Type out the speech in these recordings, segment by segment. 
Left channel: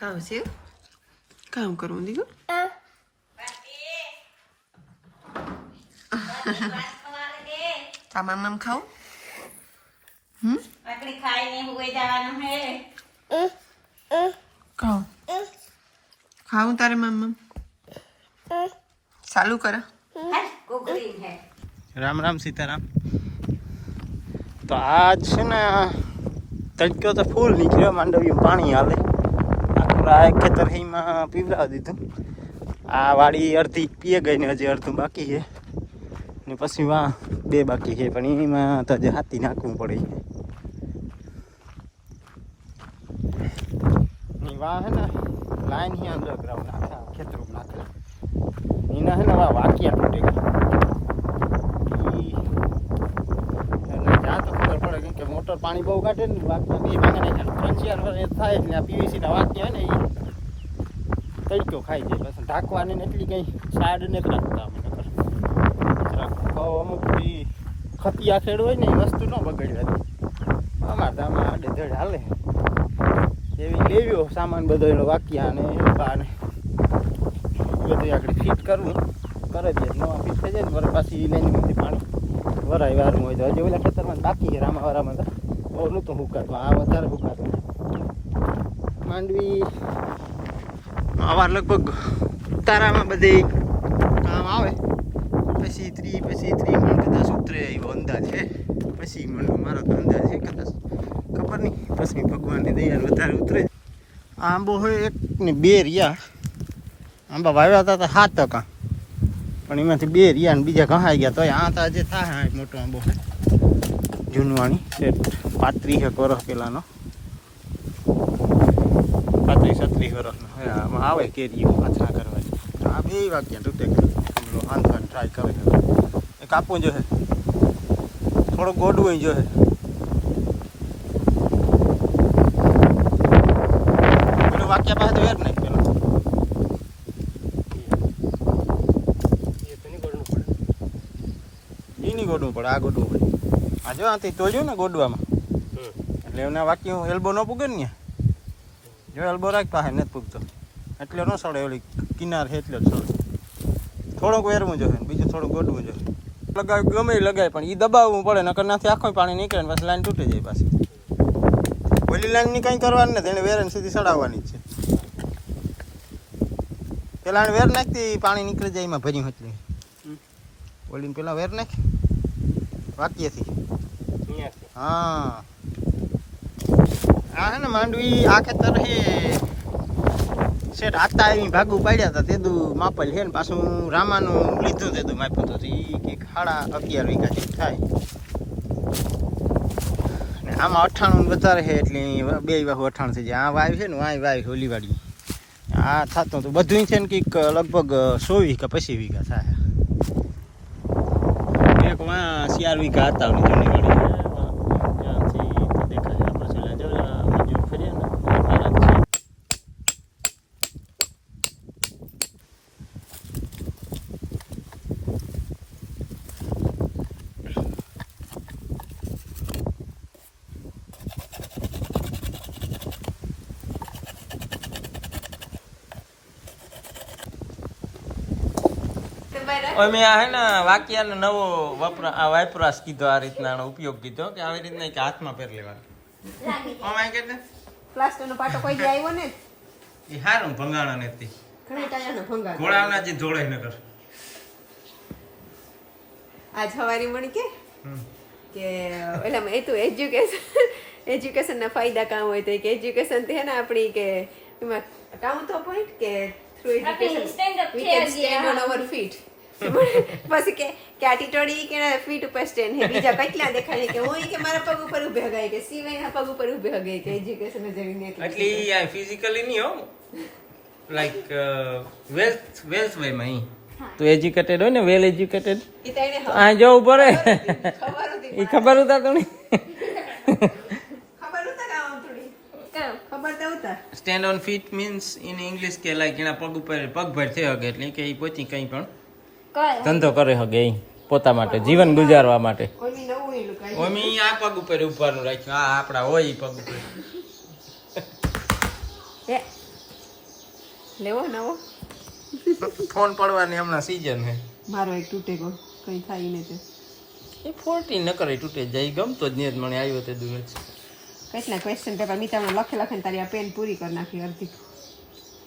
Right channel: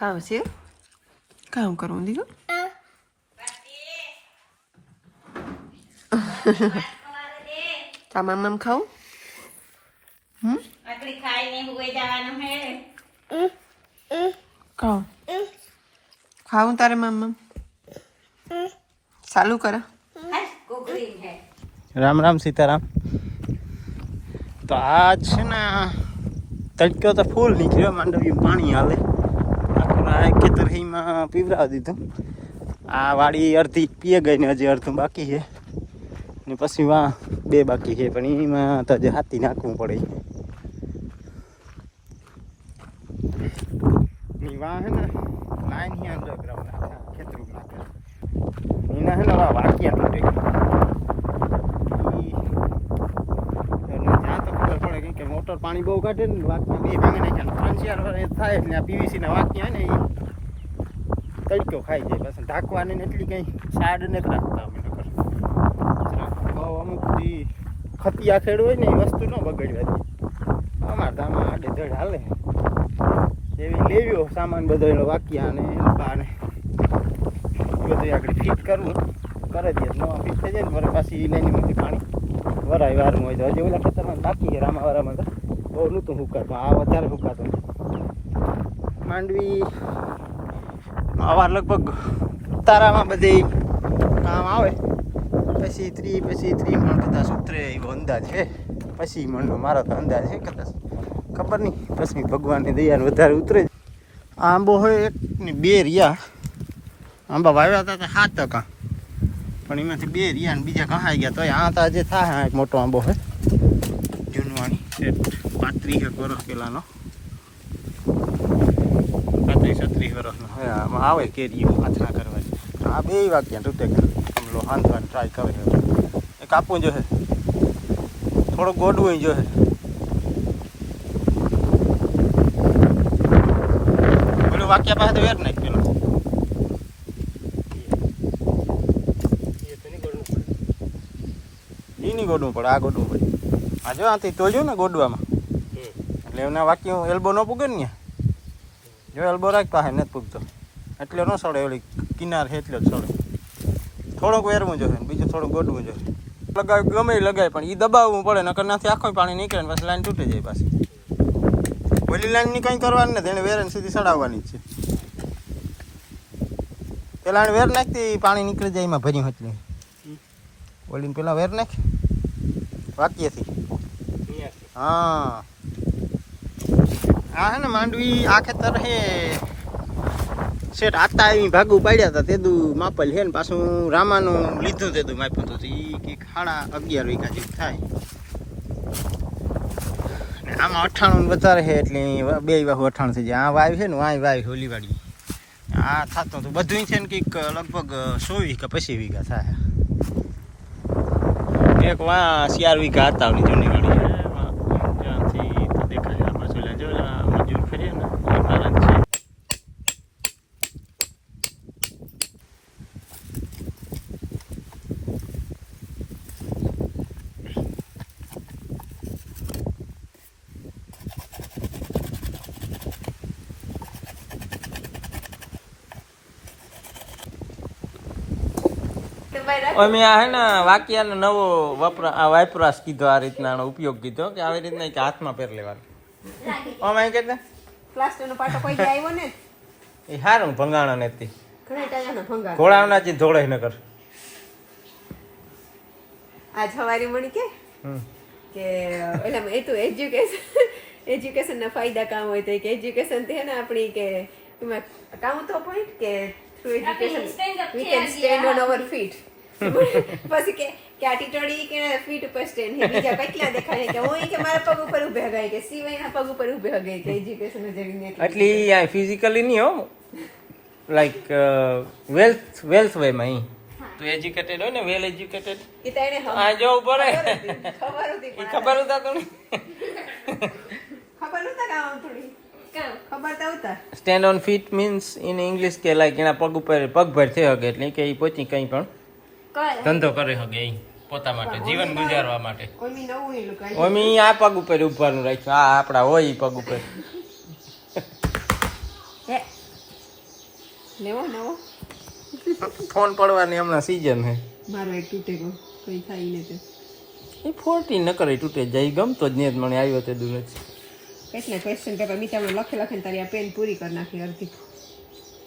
કામ છે કામ કરવું દીકરો તમામ આમ ખાવ આકડી ખાઈને હોઈ જવાનું હે ખાવ ખાવું તારે મમ્મ ચાલુ કરા કુકરી હે રામ રામ સીતારામ તો આજ છે ને તડક્યો તો ફૂલ નીકળ્યો માંડવ્યું પાણી હાલે આ ખેતરમાં પીવડાવી દીધું આ વાડી અડધી પીએ ગઈ ને હજી અડધું બાકી છે ને પછી વાં 2 બાકી છે પણ એમાં તો હજી હાથી નાખવું પડે વાં હે ને લાઈન અહીંયા અંડરગ્રાઉન્ડ આખા ખેતરું નાખે એના હે ને વાકિયા તૂટે મોટર પાણી બહુ કાઢે ને વાકમાં બે ભાગે નાખ્યા 3-4 થાય એટલે આ પીવીસી ના વાકિયા હોય ને એ તડક્યો ખાઈ જાય પાછા ઢાંકવાની ને એટલી કઈ સાડ નથી રાખતા અમે અમુક ખતિયા ખેડ હોય ને એ વસ્તુ ન બગડવા દે અમારે તો આમાં આડે ધડ હાલે એવી લેવ્યો સામાન બધો એનો વાકિયા ને ને બધું આગળ ફિટ કરવું કરે દે નવા ફિટ થઈ જાય ને વરે પાછી લઈને મૂકી પાણી વરાય વારનું હોય તો હજી ઓલા ખેતરમાં બાકી છે રામાવારામાં તો બહુ નહોતું હુકાતું આ વધારે હુકાતું માંડવી આવા લગભગ તારામાં બધે કામ આવે પછી 30 મણ કદાચ ઉતરે એવો અંદાજ છે પછી મણનો મારો તો અંદાજ છે કદાચ ખબર નહીં પછી ભગવાનની દયા વધારે ઉતરે આંબો હોય 1 ને 2 રહ્યા આંબા વાવ્યા હતા 7 ટકા પણ એમાંથી 2 રહ્યા ને બીજા ઘણાઈ ગયા તો આ તો આજે થાય એક મોટો આંબો છે જૂનવાણી 35 વર્ષ પહેલાંનો 35-36 વર્ષનો હવે આમાં આવે કેરીઓ આથરા કરવા આ 2 વાગ્યા તૂટે આમલો હાંધવાની ટ્રાય કરે એ કાપવું જોઈએ થોડુંક ગોડવું જોઈએ પેલું વાક્યા પાસે વેર નાખ પેલો ગોડવું પડે આ ગોડવું પડે આ જો આથી તોડ્યું ને ગોડવામાં એટલે એના વાક્ય એલ્બો ન પૂગે ને જો એલ્બો રાખ પાસે નથી પૂગતો એટલે ન સડે ઓલી કિનાર છે એટલે જ સડે થોડુંક વેરવું જોઈએ બીજું થોડુંક ગોડવું જોઈએ લગાવ ગમે લગાય પણ એ દબાવવું પડે નકર નાથી આખો પાણી નીકળે ને પછી લાઈન તૂટી જાય પાછી ઓલી લાઈનની કંઈ કરવાની નથી એને વેરને સીધી સડાવવાની જ છે પેલા વેર નાખતી પાણી નીકળી જાય એમાં ભરી હચલી ઓલીને પેલા વેર નાખ વાક્યથી હા આ હે ને માંડવી આ ખેતર હે શેઠ આતા આવી ભાગું પાડ્યા હતા તેદું માપલ છે ને પાછું રામાનું લીધું તેદું માપ્યું હતું એ કંઈક 11.5 વીઘા જેવું થાય ને આમાં 98 વધારે છે એટલે 2 વાહુ 98 થઈ જાય આ વાવ છે ને વાય હોલી વાળી આ થતું હતું બધું છે ને કંઈક લગભગ 100 વીઘા 25 વીઘા થાય એક વાં 4 વીઘા હતા ઓલી જૂની વાળી ત્યાંથી તો દેખાય આ બાજુ જો મજૂર ફરીએ ને કારણ છે મેં આ હે ને વાક્યાનો નવો વાપરાશ કીધો આ રીતના ઉપયોગ કીધો કે આવી રીતના કે હાથમાં પહેર લેવાનું અમે કે પ્લાસ્ટરનો પાટો કોઈ જાય આવ્યો ને એ હારું ભંગાણા નથી ઘણા ટાયાના ભંગાણ ઘોડાના જે ધોળે ન કર આજ હવારી મણી કે એટલે એ તો એજ્યુકેશન ના ફાયદા કામ હોય તો કે એજ્યુકેશન છે ને આપણી કે એમાં કામ તો પોઈન્ટ કે through education we can stand on our feet પછી કે આ ટીટોડી કે ફીટ ઉપર સ્ટેન્ડ હે બીજા કેટલા દેખાય કે હું કે મારા પગ ઉપર ઊભે હગાય કે સિવાયના પગ ઉપર ઊભે હગાય કે એજ્યુકેશન જરીને એટલે આ ફિઝિકલી નહીં હો લાઈક વેલ્થ વે માં તો એજ્યુકેટેડ હોય ને વેલ એજ્યુકેટેડ એ તો એને આ જવું પડે ખબર હતી એ ખબર હતા તમને ખબર હતા કામ થોડી ખબર તો હતા stand on feet means in English કે લાઈક એના પગ ઉપર પગભર થઈ શકે એટલે કે એ પોચી કંઈ પણ ધંધો કરે શકે એ પોતા માટે જીવન ગુજારવા માટે ઓમી આ પગ ઉપર ઉભાનું રાખ્યું આ આપણા હોય પગ ઉપર લેવો નવો ફોન પડવાની હમણાં સીઝન હે મારો એક તૂટે ગયો કઈ થાય ને તે હું 14 ન કરે તૂટે જાય ગમતો જ નહીં મને આવ્યો તે દૂર જ કેટલા ક્વેશ્ચન પેપર મીઠામાં લખે લખે તારી આ પેન પૂરી કરી નાખી અડધી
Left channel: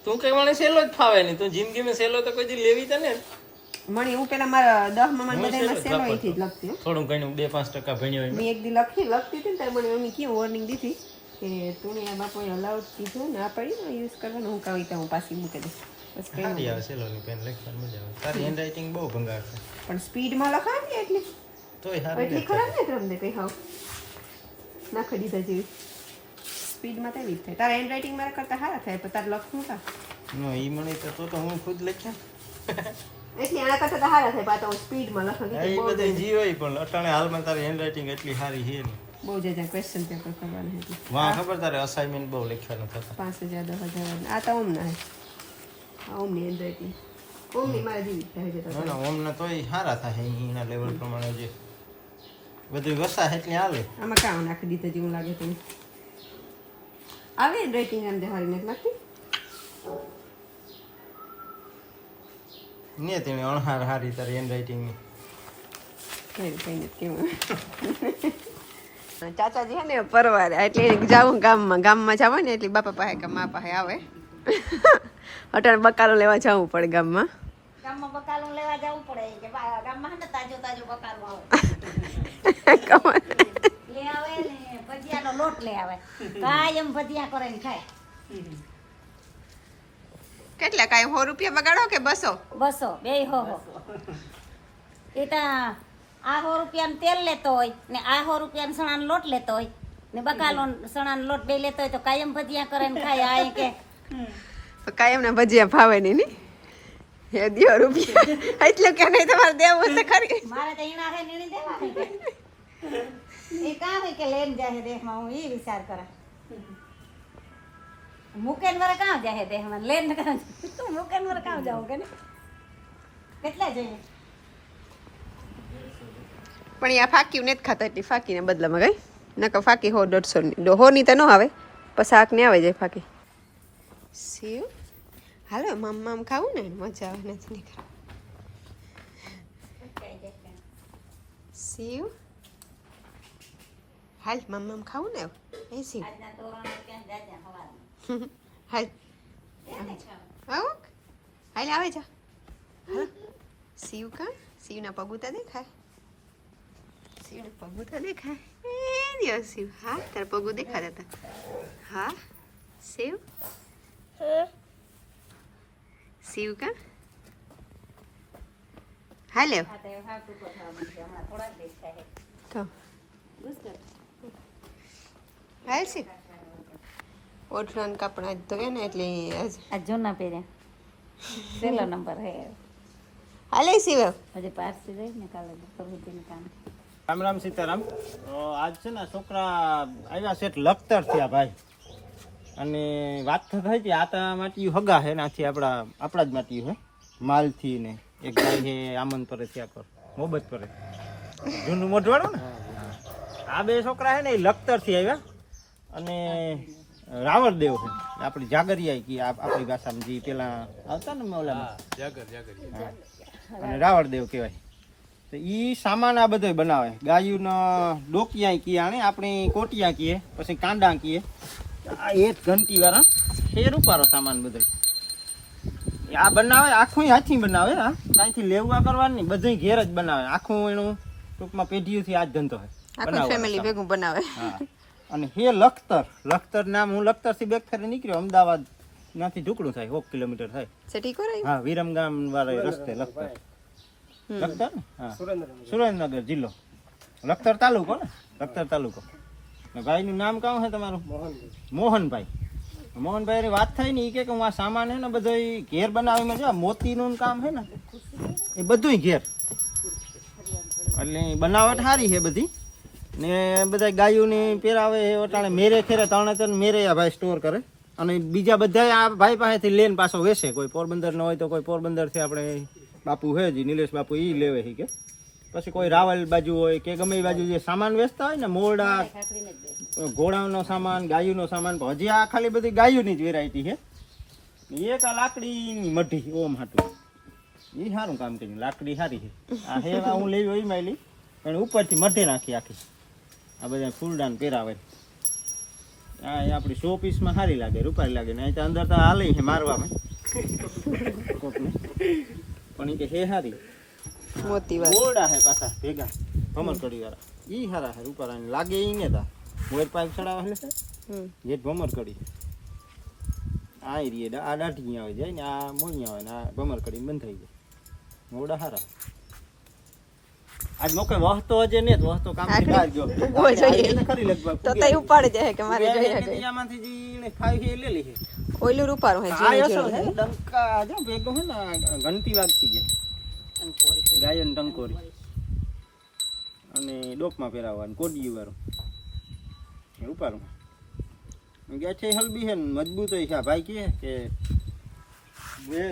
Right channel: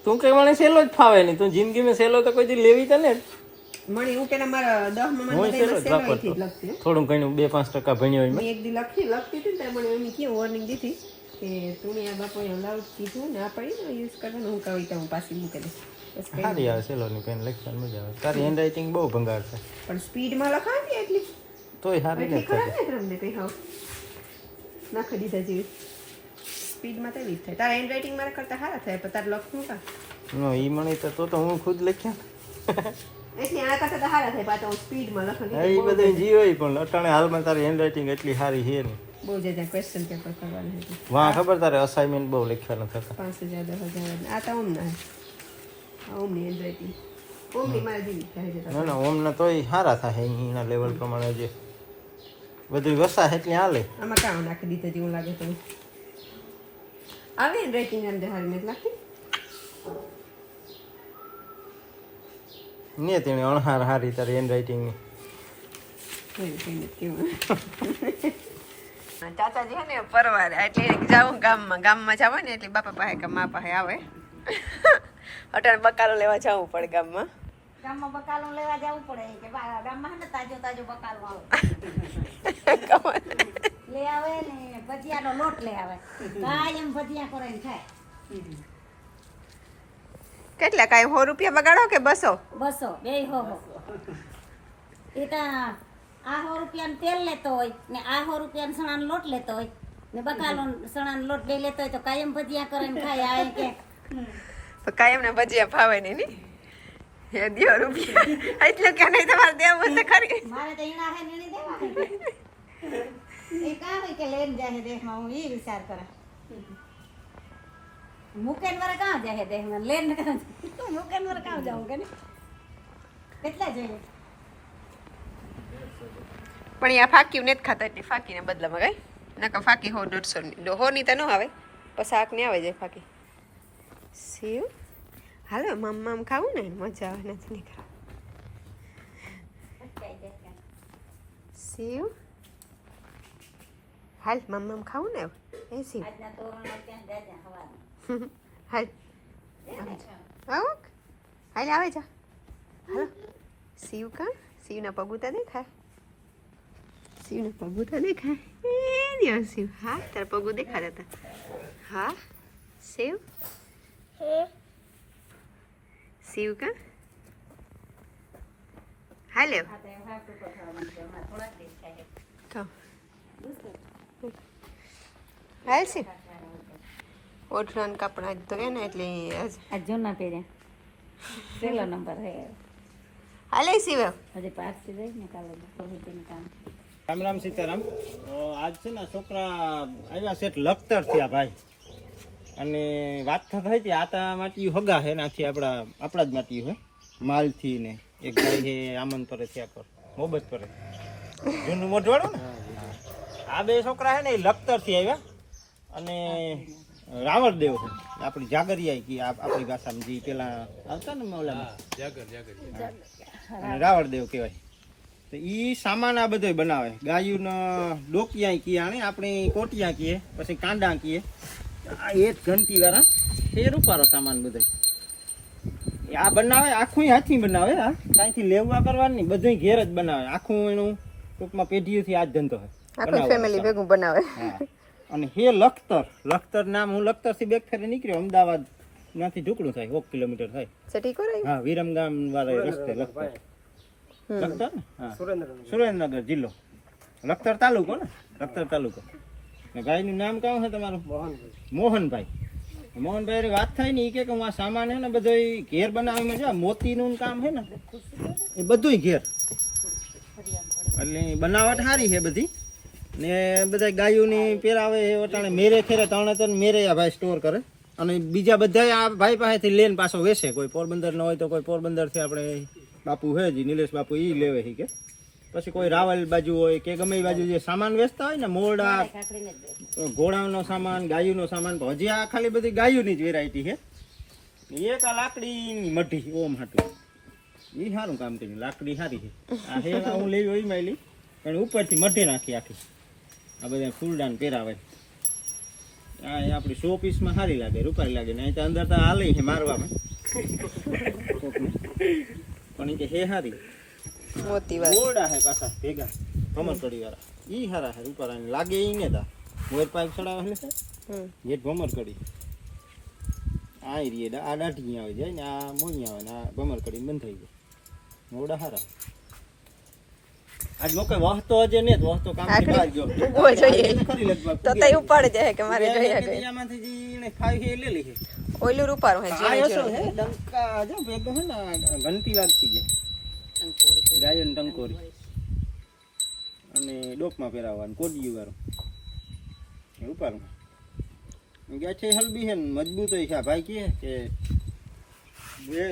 તું કઈ મને સહેલો જ ફાવે નહીં તું જિંદગીમાં સહેલો તો કોઈ દી લેવી તને મને હું પેલા મારા 10 માં બધામાં સેલોઈથી જ લખતી હો. થોડું ઘણું 2-5% ભણ્યો હોય મેં એક દી લખતી હતી ને ત્યારે મને મમ્મી કેવું વોર્નિંગ દીધી કે તું આ બાપોએ અલાઉડ કીધું ને આ પડી ને યુઝ કરવાનું હું કવિતા હું પાછી મૂકી દઈશ બસ કઈ સારી આવે સહેલોની પેન લખવાની મજા આવે તારી હેન્ડરાઇટિંગ બહુ ભંગાર છે પણ સ્પીડમાં લખાતી એટલી તોય સારી એટલી ખરાબ નહીં તમને કઈ હાવ નાખી દીધા જેવી સ્પીડમાં તેવી જ થાય તારા હેન્ડરાઇટિંગ મારા કરતાં સારા થાય પણ તારે લખવું કા નો ઈ મણી તો હું ખુદ લખ્યા એટલે આના કરતાં તો સારા થાય પાછા હું સ્પીડમાં એ લખવાની બધા જી હોય પણ અટાણે હાલમાં તારી હેન્ડરાઇટિંગ એટલી સારી છે નહીં બહુ જાજા ક્વેશ્ચન પેપર કરવાના હતી વાહ ખબર તારે અસાઇનમેન્ટ બહુ લખવાનું થતા 5000 10,000 આ તો ઓમ ના આ ઓમની હેન્ડરાઇટિંગ ઓમની મારા જેવી થાય છે ના ના ઓમના તોય સારા થાય એના લેવલ પ્રમાણે જે બધું વસા એટલે હાલે આમાં કામ નાખી દીધા જેવું લાગે તમને આવે હેન્ડરાઇટિંગ અંદર હારી નથી લાગતી ને તેને અણહાર હારી તારી હેન્ડરાઇટિંગની કઈ નથી કેવું ચાચાજી હે ને પરવારે એટલે જાવું ગામમાં જાવ ને એટલે બાપા પાસે કે મા પાસે આવે અટાણે બકાલો લેવા જવું પડે ગામમાં ગામમાં બકાલું લેવા જવું પડે કે ગામમાં ને તાજો બકાલું હોય લે આવે ને ભજીયાનો લોટ લે આવે કાયમ ભજીયા કરીને ખાય કેટલા કાંઈ 100 રૂપિયા બગાડો કે 200 200 બે હો એ તો આ 100 રૂપિયાનું તેલ લેતો હોય ને આ 100 રૂપિયાનો સણાનો લોટ લેતો હોય ને બકાલો સણાનો લોટ બે લેતો હોય તો કાયમ ભજીયા કરીને ખાય આ કે તો કાંઈ એમને ભજીયા ફાવે નહીં ને હે દિયો રૂપિયા એટલે કે નહીં તમારે દેવું તો ખરી મારે તો ઈના હે નીણી દેવા હે કે એ કાં હોય કે લઈને જાય દેહમાં હું એ વિચાર કરા મુકેન વરે કાં જાય દેહમાં લઈને કાં મુકેન વરે કાં જાઉં કે ને કેટલા જોઈએ પણ આ ફાકી નથી ખાતા એટલી ફાકીને બદલામાં ગઈ નકર ફાકી 100-150 ની 100 ની તો ન આવે પણ શાક ને આવે જાય ફાકી સેવ હાલો મામ ખાવું ને મજા આવે નથી નહીં ખરા સેવ હાલ મામ ખાવું ને એ સેવ આજના તોરણ ત્યાં જાજા હવા હાલ આવો હાલ આવે જા હાલો સેવ કા સેવના પગુતા દેખાય શિવના પગું તો દેખાય શિવ હા તારા પગું દેખાતા હતા હા શિવ શિવ કા હાલે હાલ છે ઓઠરાન કપડા તો ને એટલે આ જૂના પહેર્યા પહેલો નંબર હે હાલે શિવ હજી પારસી રહી ને કાલે પ્રવૃત્તિનું કામ રામ રામ સીતારામ આજ છે ને છોકરા આવ્યા છે લખતર થયા ભાઈ અને વાત તો થઈ હતી આ તો માટીયું હગા છે ને આખી આપણા જ માટીયું હે માલથી ને એક ભાઈ છે આમન પર થયા પર મોહબ્બત પર જૂનું મોઢવાડું ને આ બે છોકરા છે ને એ લખતર થી આવ્યા અને રાવળદેવ છે આપણી જાગરિયા કે આપણી ભાષામાં જે પેલા આવતા ને મૌલામાં અને રાવળદેવ કહેવાય તો ઈ સામાન આ બધો બનાવે ગાયુંનો ડોકિયા કીએ આને આપણે કોટિયા કીએ પછી કાંડા કીએ આ એક ઘંટી વાળા ફેર ઉપાડો સામાન બધો આ બનાવે આખું હાથી બનાવે હા કાંઈથી લેવા કરવાનું નહીં બધું ઘેર જ બનાવે આખું એનું ટૂંકમાં પેઢીઓથી આ જ ધંધો હોય આખું ફેમિલી ભેગું બનાવે હા અને હે લખતર નામ હું લખતરથી બેક ફેરી નીકળ્યો અમદાવાદ નાથી ઢુકડું થાય 1 કિલોમીટર થાય સેટી કોરાય હા વિરમગામ વાળા રસ્તે લખતર લખતર ને હા સુરેન્દ્રનગર જિલ્લો લખતર તાલુકો ને ભાઈનું નામ કામ છે તમારું મોહનભાઈ વાત થઈ ને એ કે હું આ સામાન છે ને બધો ઘેર બનાવીને છે મોતીનું કામ છે ને એ બધું ઘેર એટલે બનાવટ સારી છે બધી ને બધા ગાયોની પહેરાવે ઓટાણે મેરે ખેરે 3 મેરે આ ભાઈ સ્ટોર કરે અને બીજા બધા આ ભાઈ પાસેથી લઈને પાછો વેચે કોઈ પોરબંદર ન હોય તો કોઈ પોરબંદરથી આપણે બાપુ હે જી નિલેશ બાપુ એ લેવે છે કે પછી કોઈ રાવલ બાજુ હોય કે ગમે એ બાજુ જે સામાન વેચતા હોય ને મોરડા ઘોડાનો સામાન ગાયુંનો સામાન હજી આ ખાલી બધી ગાયુંની જ વેરાયટી છે એક આ લાકડી મઢી ઓમ હાટું ઈ સારું કામ કર્યું લાકડી સારી છે આ હેવા હું લેવી હોય માં લઈ પણ ઉપરથી મઢી નાખી આખી આ બધા ફૂલડાન પહેરાવે આ આપણી 100 પીસમાં સારી લાગે રૂપારી લાગે ને અહીં તો અંદર તો હાલે છે મારવામાં કોકને પણ ઈ કે હે સારી મોતી વાત ગોળા હે પાછા ભેગા ભમર કડી વાળા ઈ સારા હે રૂપારાની લાગે ઈ ને તા મોર પાઇપ ચડાવે એટલે જે ભમર કડી આ એરિયે આ દાઢી આવે જાય ને આ મોઈ આવે ને આ ભમર કડી બંધ થઈ જાય મોડા સારા આજ લોકો વહતો હજે ને વહતો કામ થી બહાર ગયો ઉભો જોઈએ. ખરી લગભગ તો તઈ ઉપાડે જાય કે મારે જોઈએ કે એમાંથી જીને ખાઈ હે લે લે છે ઓઈલું રૂપારું હે આ જીણું એસો જીણું હે ડંકા જો ભેગો હે ને ઘંટી વાગતી જાય ગાયન ટંકોરી અને ડોકમાં પહેરાવવાનું કોડિયું વાળું એ ઉપાડું ગયા છે હલબી હે ને મજબૂત હોય છે આ ભાઈ કે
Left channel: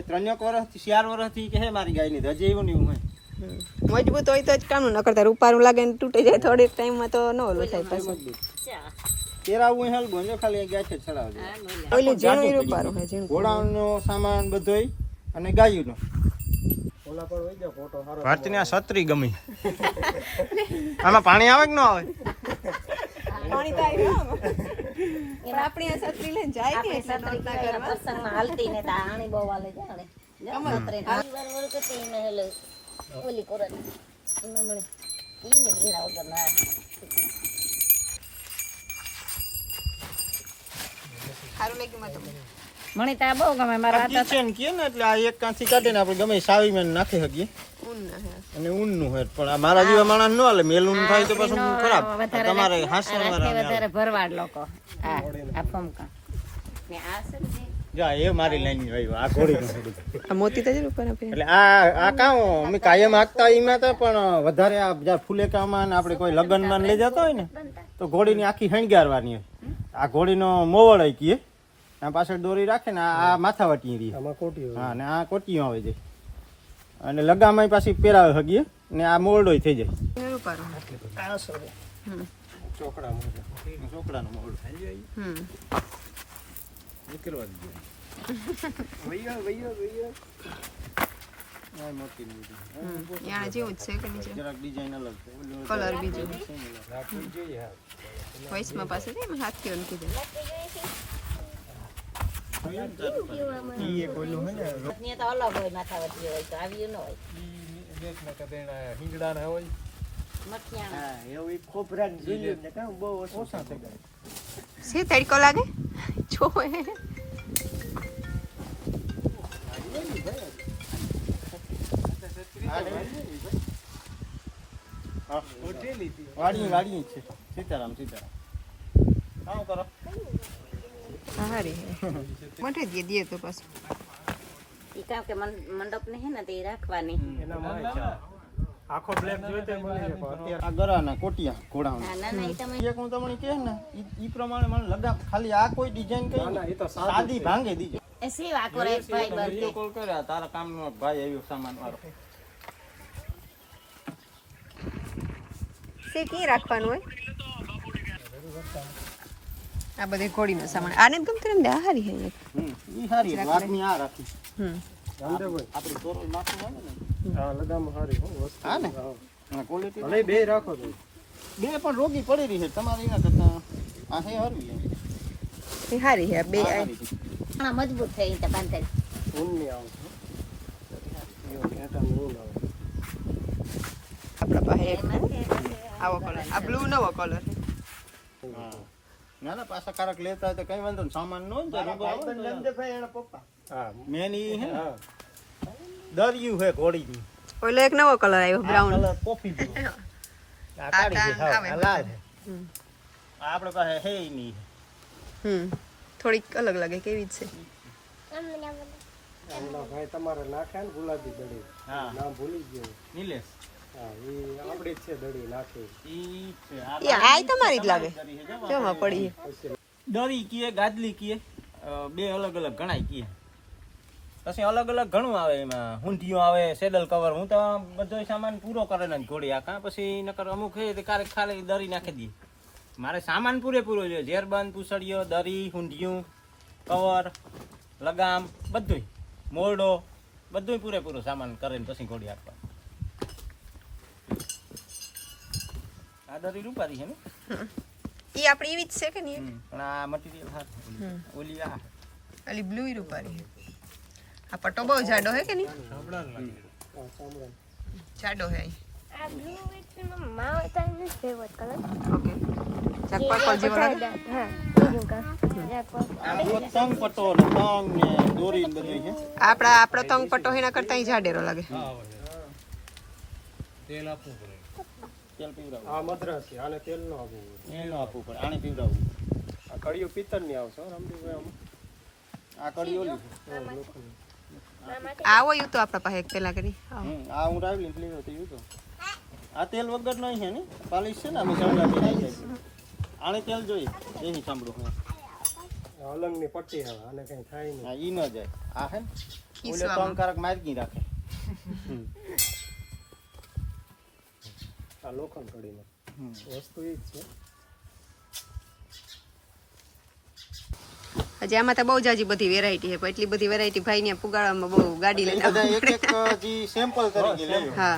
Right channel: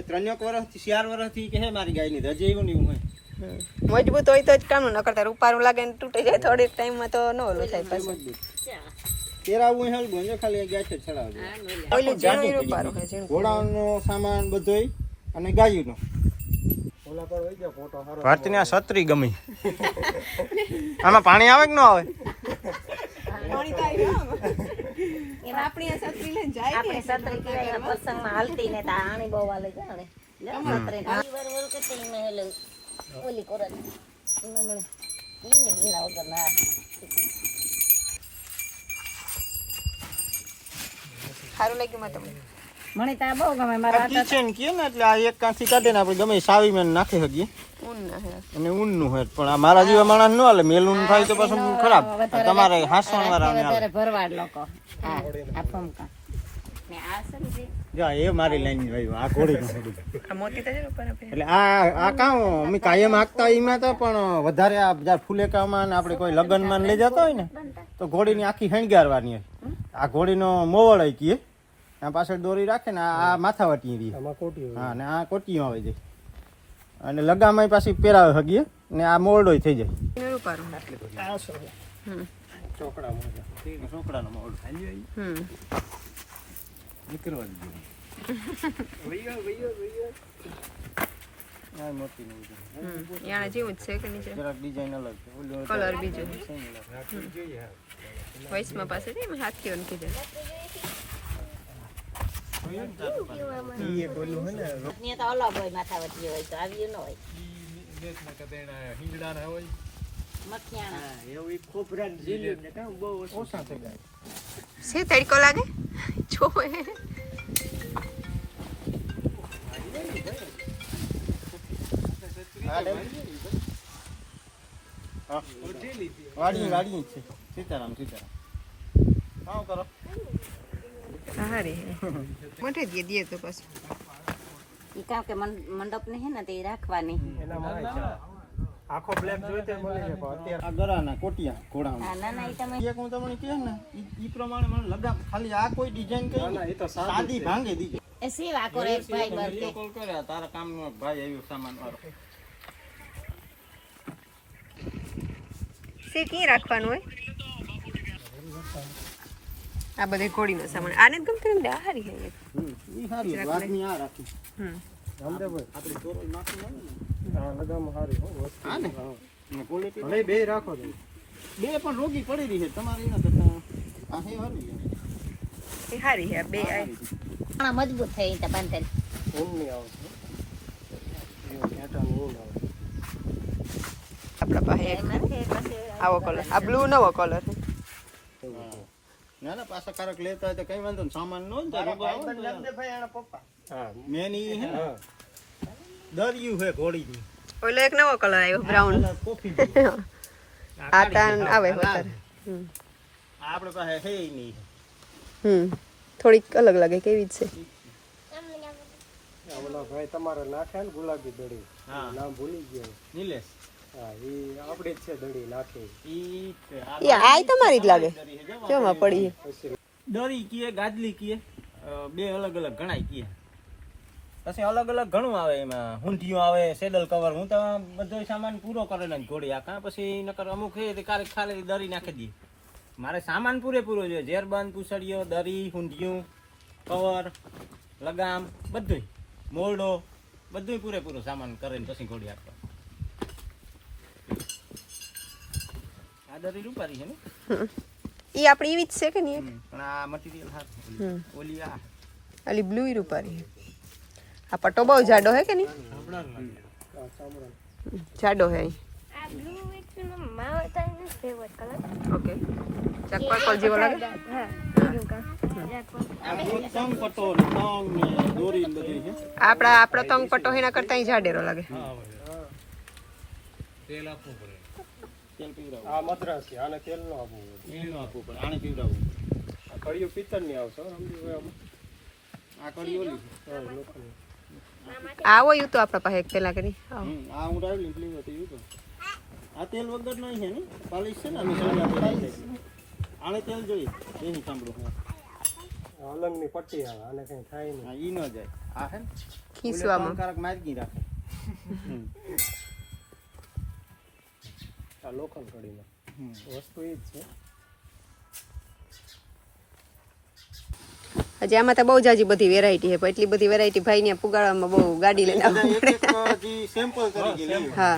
3 વર્ષથી 4 વર્ષથી કે હે મારી ગાયની હજી એવું નહીં હોય મજબૂત હોય તો જ કામનું ન કરતા રૂપારું લાગે ને તૂટી જાય થોડીક ટાઈમમાં તો ન ઓલું થાય પછી મજબૂત પહેરાવવું હોય હલબું જો ખાલી ગયા છે ચડાવ દે ઓઈલું જીણું રૂપારું હે જીણું ઘોડાનો સામાન બધોય અને ગાયુંનો ભારતીની આ છત્રી ગમી આમાં પાણી આવે કે ન આવે પાણી તો આવ્યું પણ આપણી આ છત્રી લઈને જાય ને એટલે નોરતા કરવા પ્રસંગમાં હાલતી ને તા આણી બહુ વાલે જાણે બરોબર કે તે મે હેલો ઓલી કોરત મે મળે ઈ ને ઘીણા વગર ના સારું લાગ્યું માં તમને મને તા બહુ ગમે મારા હાથ કિચન કે ને એટલે આ એક કાંથી કાઢીને આપણે ગમે સાવી મેં નાખી શકીએ ઊન ના હે અને ઊનનું હોય પણ આ મારા જેવા માણસ ન હાલે મેલું થાય તો પછી ખરાબ તમારે હાસણ રાખે વાળા વધારે ભરવાડ લોકો આ ફમકા ને આ સમજે જો એ મારી લાઈન વાયો આ ઘોડીનું હેડું આ મોતી તો જરૂર પર આપે એટલે આ કામ અમે કાયમ હાંકતા એમાં તો પણ વધારે આ જ્યારે ફુલેકામાં ને આપણે કોઈ લગ્નમાં લઈ જતા હોય ને તો ઘોડીની આખી હણગારવાની હોય આ ઘોડીનો મોવળ હોય કીએ આ પાછળ દોરી રાખે ને આ માથાવટી રહી હા ને આ કોટીઓ આવે છે અને લગામાં પાછી પહેરાવે હગીએ ને આ મોરડો થઈ જાય રૂપારું છોકરાનો મોરડો નીકળવા યા જેવું જ છે કે નીચે જરાક ડિઝાઇન અલગ છે કલર બીજો વોઇસમાં પાસે છે ને હાથ કેવું કીધું ને તો અલગ હોય માથાવતી હોય તો આવ્યું ન હોય સી તડકો લાગે જો વાડી છે સીતારામ કામ કરો હારી મોટે દે તો પાછું ઈ કામ કે મંડપ ને હે ને તે રાખવાની આખો બ્લેક જોઈ તો મળી જાય પણ અત્યારે આ ગરાના કોટિયા ઘોડાના ના ના ઈ તમે એક હું તમને કહે ને ઈ પ્રમાણે મને લગામ ખાલી આ કોઈ ડિઝાઇન ના કરી ના એ તો સાદી ભાંગે દીજે એ સેવા કરે ભાઈ બનતે કોલ કર્યા તારા કામનો ભાઈ આવ્યો સામાન વાળો સી કી રાખવાનું હોય આ બધે ઘોડીનો સામાન આને ગમતી ને હારી હે ઈ સારી વાતની આ રાખી રામદેવભાઈ આપણી ચોરો નાખવું હોય ને હા લગામ હારી હો વસ્તુ હા ને ક્વોલિટી ભલે બે રાખો તો બે પણ રોગી પડી રહી છે તમારે એના કરતા આ છે હરવી એ હારી હે બે આ સારી છે. ના મજબૂત થઈ તો બંધ ઊન ની આવે છે એવો ઘેટાનું ઊન આવે આપણા પાસે એક આવો કલર આ બ્લુ નવો કલર છે હા. ના ના પાછા કારક લેતા હોય તો કઈ વાંધો ને સામાન નો હોય ને તો રોગો આવે ને તો હા મેન ઈ હે ને દરિયું હે ઘોડીની ઓલો એક નવો કલર આવ્યો બ્રાઉન કલર કોફી જેવો. આ કાન આવે વધારે આ આપણે પાસે હે ઈ નહીં થોડીક અલગ લાગે કેવી જ છે ઓલા ભાઈ તમારે નાખ્યા ને ગુલાબી દડી હા નામ ભૂલી ગયો નીલેશ હા એ આપણે જ છે દડી નાખી ઈ છે આ એ આય તમારી જ લાગે દરી છે જો. જોમાં પડી દરી કીએ ગાદલી કીએ બે અલગ અલગ ગણાય કીએ પછી અલગ અલગ ઘણું આવે એમાં હુંઢિયું આવે સેડલ કવર હું તો બધો સામાન પૂરો કરેલો જ ઘોડી આ કાં પછી નકર અમુક હે તે કારેક ખાલી દરી નાખી દઈએ મારે સામાન પૂરેપૂરો જોઈએ ઝેરબંધ પૂછડીઓ દરી હુંઢિયું કવર લગામ બધુંય મોરડો બધુંય પૂરેપૂરું સામાન કરીને પછી ઘોડી આપવા. આ દરી રૂપારી છે ને ઈ આપણી એવી જ છે કે નહીં? પણ આ મટીરિયલ હાથ ઓલી આ અલી બ્લુ રૂપારી આ પટ્ટો બહુ જાડો હે કે નહીં? જાડો હે ઓકે ચાક પર્પલ જેવો લાગે. આ તો તંગ પટ્ટો ને તંગ ને દોરી ને બધું છે. આપણો તંગ પટ્ટો એના કરતા ઈ જાડેરો લાગે. તેલ આપવું પડે. તેલ પીવડાવું. આ મદ્રાસી આને તેલ નો આપવું પડે. એનું આપવું પડે. આને પીવડાવું. આ કડિયો પિત્તળ ની આવશે રામદેવભાઈ આમાં. આ કડી ઓલી છે. લોખંડ. આવો યુ તો આપણા પાસે એક પેલા કરી આ હું રાવલી ફ્લેવર તો યુ તો આ તેલ વગર નહીં છે ને પાલિશ છે ને અમે સાંભળા દે નાખી છે. આને તેલ જોઈએ દેહી સાંભળો અલંગ ની પટ્ટી આવે આને કઈ થાય નહીં. હા ઈ ન જાય આ હે ને ખીસવામાં કારક માર્ગી રાખે. આ લોખંડ કડીમાં વસ્તુ એ જ છે. હજી આમાં તો બહુ જાજી બધી વેરાયટી છે પણ એટલી બધી વેરાયટી ભાઈ ને પુગાડવામાં બહુ ગાડી લઈને આવવું એક પડે. એક જી સેમ્પલ તરીકે લેવું. હા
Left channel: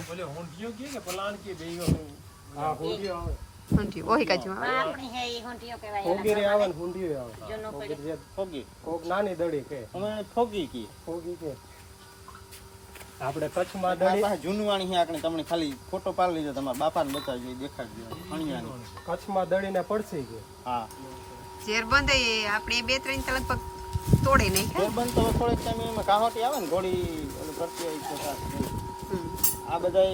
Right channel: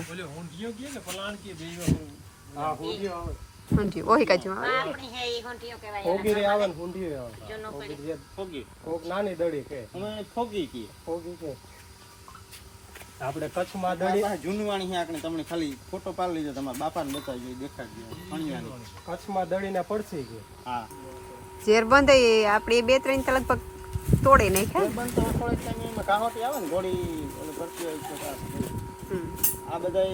હા હુંડિયો આવે. સમજ્યું ઓહી કાજુ આપણી હે ઈ હોંટિયો કહેવાય. ફોગીરી આવે ને હુંડિયો આવે. જૂનો ફોગીરી જે ફોગી કોક નાની દડી કે અમે એને ફોગી કીએ. ફોગી કે આપણે કચ્છમાં આ દડી પાસે જૂનવાણી છે આપણે તમને ખાલી ફોટો પાડી લીધો તમારા બાપાને બતાવજો દેખાડજો અણિયાની. કચ્છમાં દડીને પડશે કે હા ઝેર બંધ આપણે 2-3 તો લગભગ તોડે નહીં તે બંધ તો થોડેક ટાઈમ એમાં કાહોટી આવે ને ઘોડી ઓલું કરતી હોય તો સારું. આ બધા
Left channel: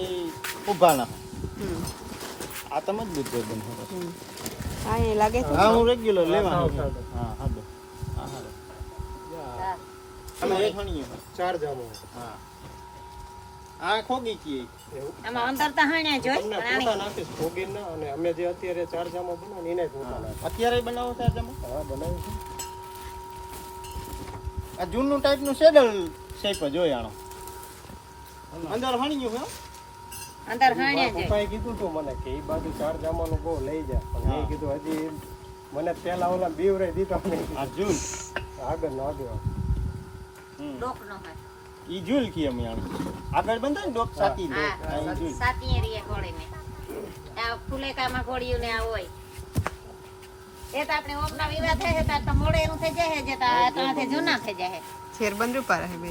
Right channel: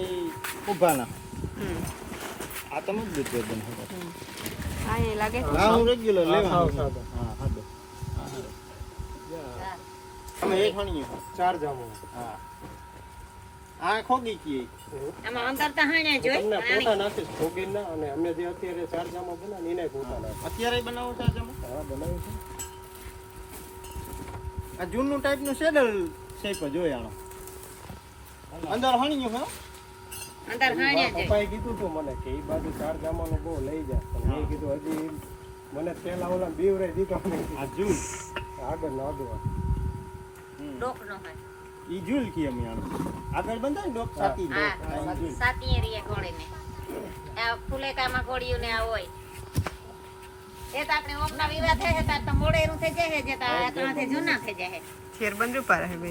ઉભાના આ તમે જ દૂધ બંધ. હા એ લાગે છે હા હું રેગ્યુલર લેવા. સાદો. હા હાડો હા હાડો અમે એક હણીએ. ચાર જામો. હા આ ખોગી કીએ. આમાં અંદર તો હાણ્યા જોઈ તમને ફોટા નાખીશ ફોગીના અને અમે જે અત્યારે ચાર જામો બનાવી એને ફોટા નાખીશ. અત્યારે બનાવો છે તમે? હા બનાવી છે. આ જૂનું ટાઈપનું સેડલ શેપ જ હોય આનો. અંદર હણીયું હે. અંદર હાણ્યા જોઈ. પપ્પાએ કીધું તું મને કે ઈ બાજુ ચાર જામાનું બહુ લઈ જાય પણ મેં કીધું હજી મને પેલા ઓલા બીવરાઈ દીધો મને આ જૂલ આગળ ન આગળ ડોક નો હોય. ઈ જૂલ કી અમે આનો. આગળ બંધાય ને ડોક સાકી દો. હા સાતી એરીએ ઘોડીને. આ ફુલેકામાં ઘોડિયું ને આ હોય. એ તો આપણે ઓપના વિવાહ થાય છે તો મોડે એનું થઈ જાય છે તો આ તો આથે જૂના થઈ જાય છે. ઝેર બંધ રૂપા રહે બે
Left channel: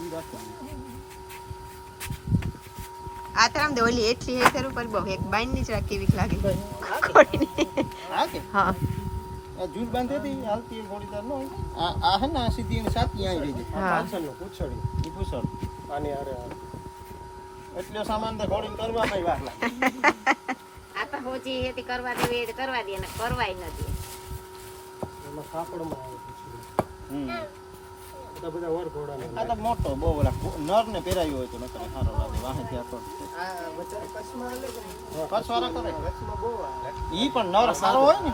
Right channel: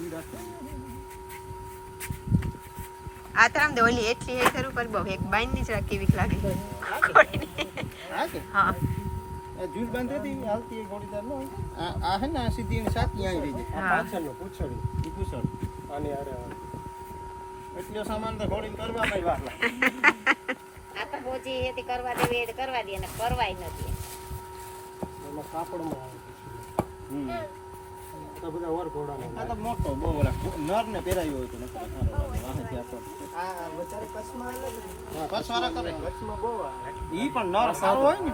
ઈ રાખો. આ તો આમ દે ઓલી એટલી હે ખરું પર બહુ એક બાઈન ની જ રાખી એવી જ લાગે હા કે હા આ જૂલ બાંધે હતી હાલતી એ ઘોડી તાર ન હોય. આ હે ને આ સીધી એની સાતી આવી રહી છે. આ પાછળનું પૂછડી ઈ પૂછડ. આની હારે એટલો સામાન તો ઘોડીને કરવામાં વાર લાગે. આ તો હોજી હેતી કરવા દેવી એ કરવા દે ને કરવાય નથી. એમાં કાપડમાં આવે પૂછડી તો બધા વર ઘોડાના આ તો મોટો બહુ ઓલા નર ને પહેરાયો હોય તો નકર સારો લાગે વાહે ત્યાં તો કચ્છ વાળા કરે ઈ પણ નર સારો હોય ને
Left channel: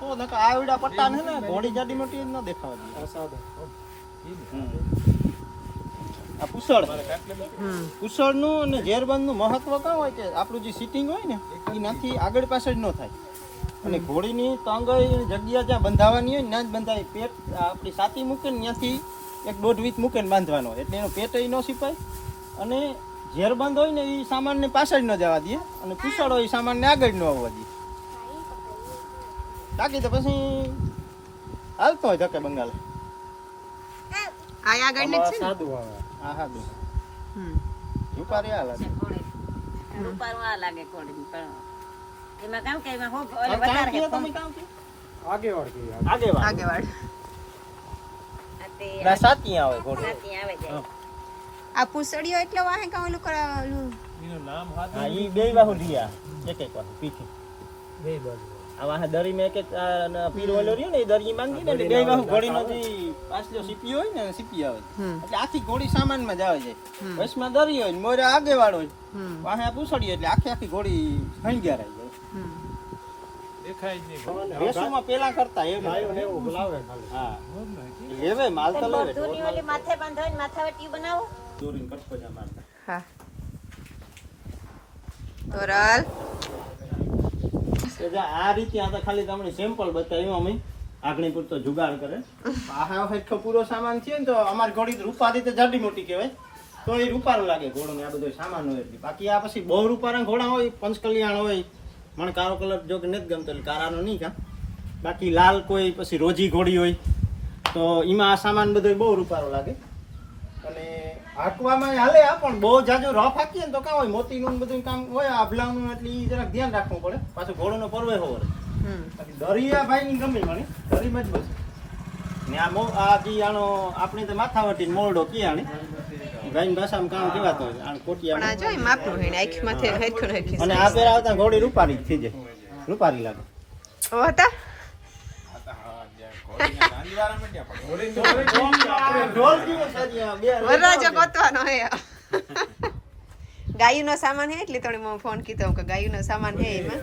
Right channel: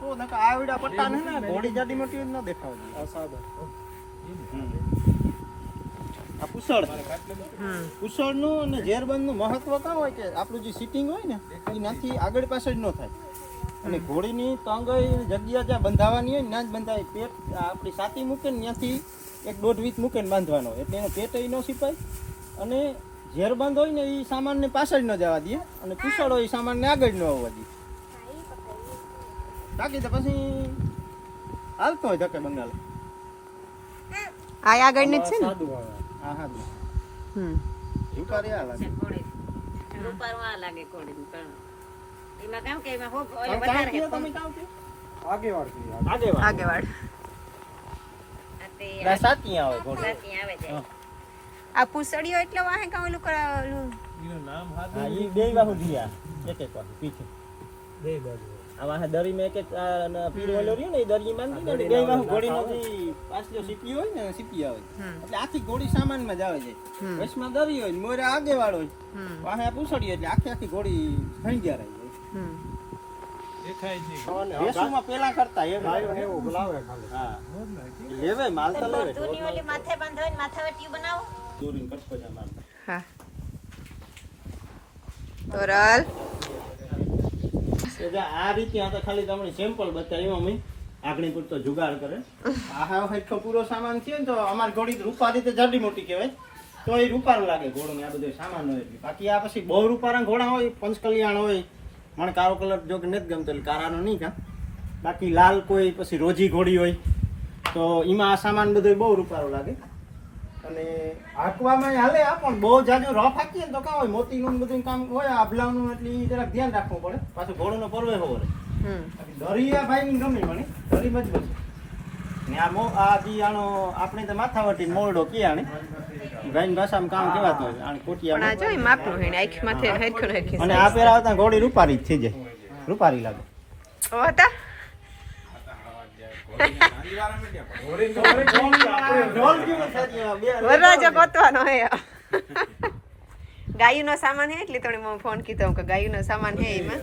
તો નકર આવડા પટ્ટા ને ને ઘોડી જાડી મોટી જ ન દેખાવા દે. આ સાદા આ પુસળ પુસળનું અને ઝેરબંધનું મહત્વ કાં હોય કે આપણું જે સિટિંગ હોય ને એ નાથી આગળ પાછળ ન થાય અને ઘોડીની તંગઈ જગ્યા જ્યાં બંધાવાની હોય ને ત્યાં જ બંધાય. પેટ આપણી સાતી મૂકે ને ત્યાંથી 1.5 વીત મૂકે ને બાંધવાનો એટલે એનો પેટ ન સિપાય અને ઝેરબંધ હોય ને એ સામાનને પાછળ ન જવા દે અને પુસળ હોય એ સામાનને આગળ ન આવવા દે. બાકી તો પછી હાલતો હોય ધકે બંગાળ. આ આગળ ને જ છે ને સાદું આવે હા હા બે હમ રૂપારી આ લાગે. રૂપારમાં લાગે ઘોડી પણ એમાં કામ કે એમાં હોપ તમે કામ કયો તમે કામ કયો આગેવાળ કહીએ આગેવાળ આગેવાળ ના સાતી આવે ઘોડી. આવે છે. આ પૂસડીઓ એટલે વાહે કાં ઓલું કરાયું હા ઈ બે બાહુ દિયા એક એક વાર પીઠે બે બાજુ આ વાહે દરી મે એક એક પીર ઓલો રહ્યો ને એ દરી બાંધી ને એટલે બે બાહુ ઘોડીનો જે પાછલો સીપી હોય ને સીપી આવે એટલે આખી ઘોડી સામાનમાં જ આવે છે. વચમાં દરી હોય ને મોરે આગેવાળ હોય વાહે આ પૂછડી એટલે આખી ઘોડી હણગ્યા રહી જાય. દેખાય છે રેસુમાં પેલા કરતા એ ગાયો ને એવું બોલાવે ખાલી હા લેવે માલ તો લેવે ઢોર માલ માથે બાંધો ને માથાવટી બનાવો. દોરીને કટકોજા મારતા. હા તોરલ આ રીતે આ તો ખાલી તમને સેમ્પલ બતાવ્યું અમે આગણી પૂરતો જુગાડ કરે આ હેઠો પૂરો સામાન થયો ને તો અમારી ઘોડી રૂપારી તો જાડી મોટી કહેવાય તો એ રૂપારું લાગે ઘોડો ને આ બધો સામાન હોય એટલે બાકી આ પછી બહુ રૂપારા ઘોડા હોય પંચકલ્યાણ હોય મને કાળો કલર જો કે નથી ગમતો એટલે કારાનો નહીં કા બાકી લાલ કોઈ પછી રોજી ઘોડી હોય તો એમાં આ સામાન બધો બહુ રૂપારો લાગે અને હાંકવામાં હાલે આ પણ બહુ જાજો રફ હાંકીએ ને તો કાં હોય મોતીનું બધું કામ હોય આભલાનું એટલે ઈ જરાક ધ્યાન રાખવું પડે પાછું ઘોડોનો પરવે હોવો બાકી દરિયા ભાઈ ની ગમે મને દરી મજબૂત ને આ જી આનો આપણે તો માથાવટી મોરડો કે આને ગાયની ભાષામાં કામ કહેવાતો હોય આને કોટિયા પણ આ જો માપનું હે આંખમાં થઈને હેઠું હેઠી અને આ પહેરાવતા ઘોડી રૂપારી જ થઈ જાય રૂપારી લાગે ઓ હતા વરરાજો ગોતવાનો હે ગાયુંનો સામાન હે એટલે થોડી ફોન કીધો કે ગાયુંનો સામાન હે એમાં